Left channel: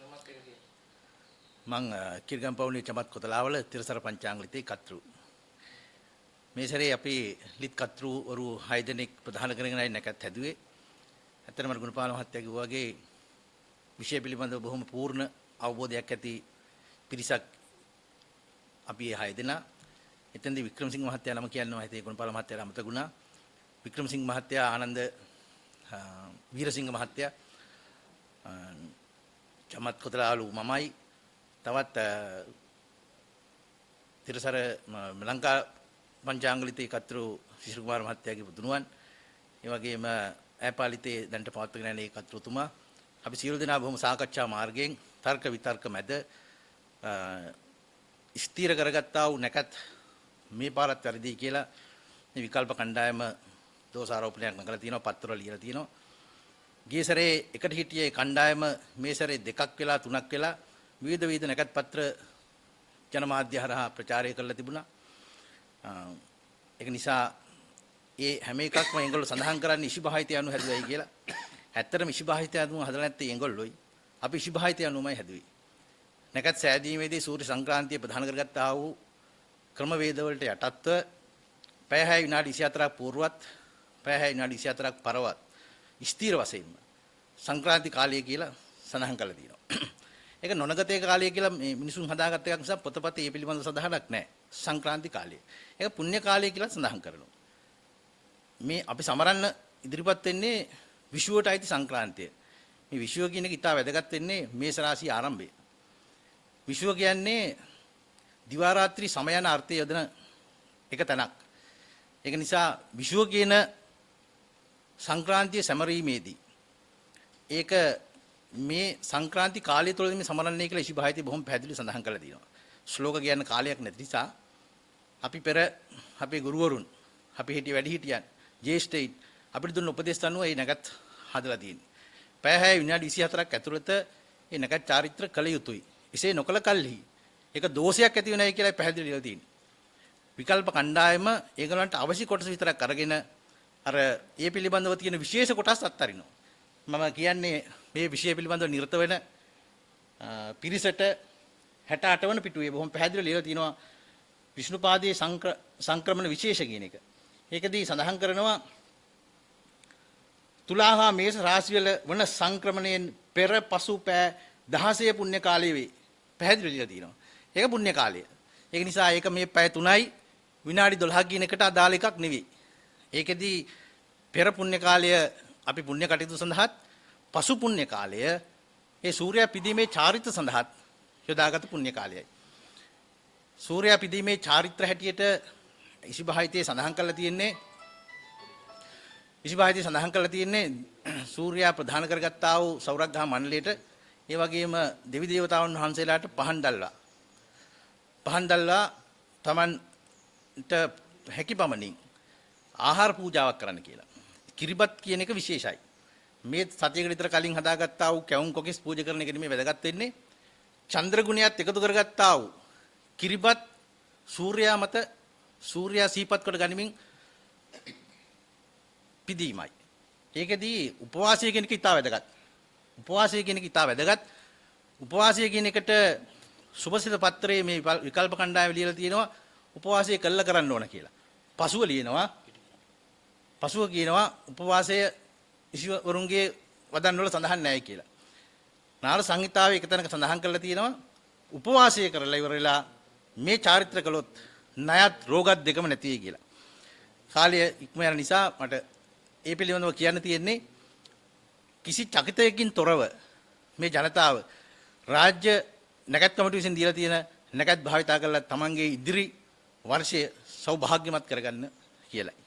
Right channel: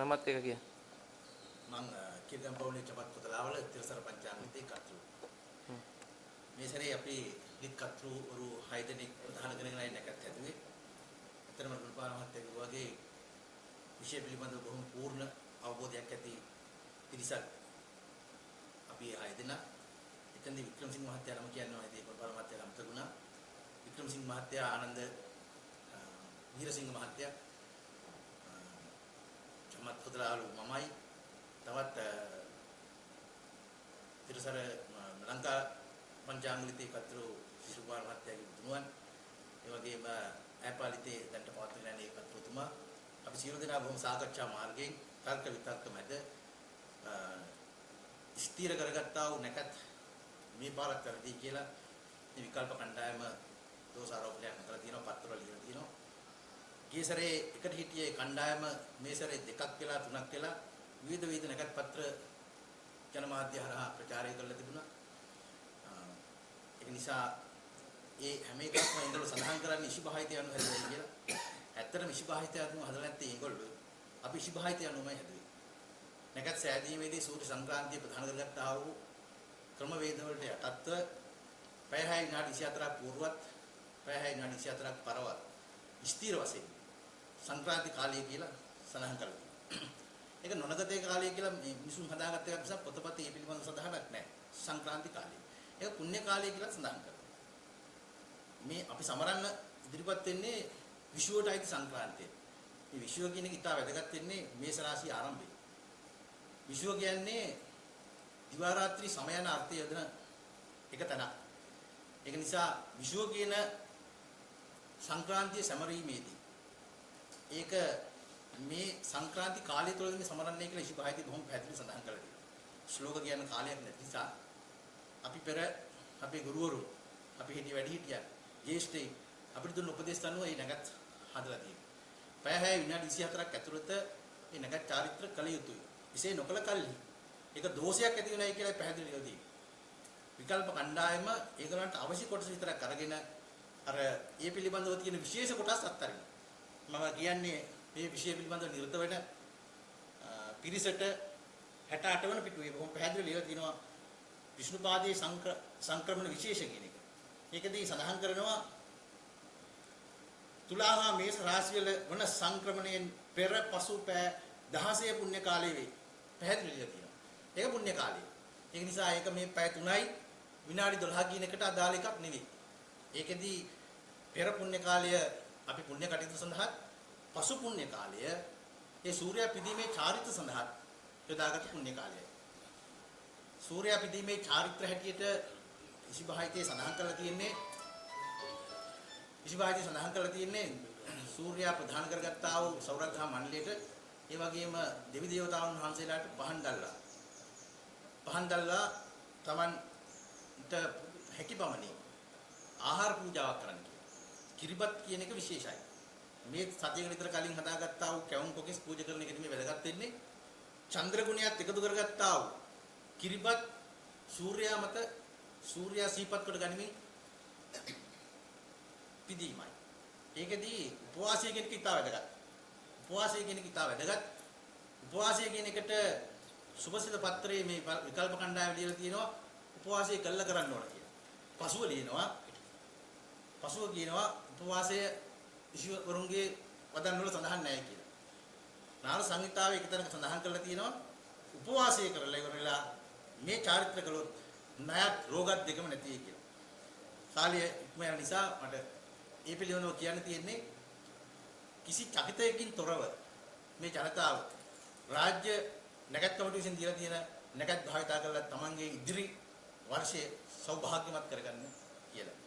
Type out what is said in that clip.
නමත් එක කිය. මං කිර්ගම්පවුනේ චමත් කොතලාවල තිරසර පංචාංගලිතේ කර්තෘ. මේ සැරේ අපි ලිත් කර්තෘවරු 6 දෙනෙක් ප්‍රධාන කරගෙනයි නැකත් හැදුවේ. ඇත්තටම ගුණපාල මහත්තයා කිව්වා වගේ විෂය පිළිබඳව බොහොම පූර්ණ අවබෝධයක් ඇති පිරිසක් අපි 6 දෙනා. එතෙන්දී වික්‍රමසිංහ මහත්තයා නම කියනවා හිතේ ගුණපාල මහත්තයාට අමතක වුණා. වික්‍රමසිංහ මහත්තයා ආනන්ද වීරසිංහ මහත්තයා චමත් කොතලාලු මමයි තවත් තිරසර ලංකා පංචාංගලිතේ කර්තෘ ශිෂ්‍ය කුමාර මහත්තයාගේ පුතුණුවන් ඒ වගේම ඈපාලිතේ දැන්ට පවත්වගෙන යන ඒ කර්තෘතුමා අපි සියලු දෙනා බොහොම සාකච්ඡා මාර්ගයෙන් තර්ක විතර්ක මැද ස්ථීර කරගත්තා වූ නැකත් මේ පාරත් වැඩි කියලා මේ විකල්ප කණ්ඩායම දෝෂාරෝපණයක් නගලා තියෙනවා පත්‍රවල ලියලා තියෙනවා. ගිය සැරේ එකට හිටියේ කණ්ඩායම මේ සැරේ දෙකක් වෙලා තුනක් වෙලා විවිධ නැකත් පත්‍ර ජනමාධ්‍ය හරහා ප්‍රචාරය කරලා තිබුණා. ඒක නිසා ඒ හැම එකක්ම ඒගොල්ලෝ සඳහන් කරන්නේ ඉෂිභාහිතය අනුව හැදුවයි කියලා. ඇත්තටම ඉෂිභාහිතය අනුව හදලා නැත්තේ ඒගොල්ලෝයි. අපි ඉෂිභාහිතය අනුවමයි හැදුවේ. නැකත් සෑදීමේදී සූර්ය සංක්‍රාන්තිය ප්‍රධාන කරගත්තා වූ ක්‍රමවේද වලට යටත්ව පැය 6 විනාඩි 24ක් పూర్වත් පැය 6 විනාඩි 24ක් පරවත් ස්ථීර වශයෙන් සංක්‍රාන්ති කාලය කියලා සඳහන් කරලා තියෙනවා. ඒක නොනගතේ කාලය කියලා මේ මිනිසුන් හදාගත්ත එකක් නිසා පොතපතේ මේ පිළිබඳව සඳහනක් නැහැ. සංක්‍රාන්ති කාලය. ඒක පුණ්‍ය කාලය කියලා සඳහන් කරනවා. මේ අපි සමරන්න ඉදිරිපත් වෙන්නේ විෂුවට අයිති සංක්‍රාන්තිය. මේ විෂුව කියන එක ඉතා වැදගත් වෙන්නේ මේස රාශිය ආරම්භයේ. විෂුව කියන්නේ දිවා රාත්‍රී සමය යන අර්ථය යොදන එක තැනක්. ඒක නිසා විෂුව කියන සංක්‍රාන්තිය සැමරීමේදී ඒක මේ සංක්‍රාන්ති කාලය තුළ මේ සමරන්නේ කියලා ඉෂිභාහිතේ බොහොම පැහැදිලිව සඳහන් කරලා තියෙනවා. ශ්ලෝක කියන්න කාලයක් නැති නිසා අපි පෙර අපේ ගුරුවරුන් අපි හිටිය වැඩිහිටියන් ජේෂ්ඨයින් අපිට දුන්න උපදේශ අනුව මේ නැගත් හදලා තියෙන්නේ. පැය 6 විනාඩි 24ක් ඇතුළත මේ නැගත් චාරිත්‍ර කළ යුතුයි. එසේ නොකළ කල්හි ඒක දෝෂයක් ඇති වෙනයි කියලා පැහැදිලිව තියෙනවා. විකල්ප කණ්ඩායම ඒගොල්ලන්ට අවශ්‍ය කොටස විතරක් අරගෙන අර ඒ පිළිබඳව තියෙන විශේෂ කොටස් අත්හරිනවා. මම කියන්නේ මේ විෂය පිළිබඳව නිරත වෙන පිරිසට 68 වන පිටුවේ බොහොම පැහැදිලිව ලියලා තියෙනවා විෂ්ණුපාදයේ සංක්‍රමණ විශේෂ කියන එක. ඒකදී සඳහන් කරනවා තුලා හා මේෂ රාශිවල වන සංක්‍රමණයෙන් පෙර පසු පෑ 16 පුණ්‍ය කාලයේ වේ. පැහැදිලිව ලියලා තියෙනවා. ඒක පුණ්‍ය කාලය. ඒක නිසා ඒක මේ පැය 3යි විනාඩි 12ක් කියන එකට අදාළ එකක් නෙවෙයි. ඒකෙදී පෙර පුණ්‍ය කාලය අපි පුණ්‍ය කටයුතු සඳහාත් පසු පුණ්‍ය කාලය ඒ සූර්යයා පිදීමේ චාරිත්‍ර සඳහාත් යොදාගත් පුණ්‍ය කාලයයි. සූර්යයා පිදීමේ චාරිත්‍ර හැටියට ඉෂිභාහිතේ සඳහන් කරලා තියෙන්නේ සූර්යයා ප්‍රධාන කරගත්තා වූ සෞරග්‍රහ මණ්ඩලයට ඒ වගේම දෙවි දේවතාවුන් වහන්සේලාට පහන් දැල්වා තමන්ට හැකිපමණින් ආහාර පූජාවක් කරන්න කියලා. කිරිබත් කියන එක විශේෂයි. මේ සතියකට විතර කලින් හදාගත්තා වූ කැවුම් කොකිස් පූජා කරන එක නෙමෙයි වැදගත් වෙන්නේ. චන්ද්‍ර ගුණයත් එකතු කරගත්තා වූ කිරිබත් සූර්යයා මත සූර්යයා සීපත් කොට ගනිමින් පිදීමයි. ඒකෙදී උපවාසය කියන එක ඉතා වැදගත්. උපවාසය කියන එකට සුභසිත පත්‍රයේ මේ විකල්ප කණ්ඩායම ලියලා තියෙනවා උපවාසය කළා කරන්න ඕන කියලා. පසුව කියනවා උපවාසය ඉෂිවරුන්ගේ වදන් වල සඳහන් නැහැ කියලා. නාල සංහිතාවේ එක තැනක සඳහන් කරලා තියෙනවා උපවාසය කරලා ඉවර වෙලා මේ චාරිත්‍ර කළොත් ණයත් රෝගත් දෙකම නැති වෙයි කියලා. කාලය ඉක්ම යන නිසා මට ඒ පිළිබඳව කියන්න තියෙන්නේ කිසි චකිතයකින් තොරව මේ ජනතාව රාජ්‍ය නැකත් කමිටුව විසින් දීලා තියෙන නැකත් භාවිතා කරලා තමන්ගේ ඉදිරි වර්ෂය සෞභාග්‍යමත් කරගන්න කියලා.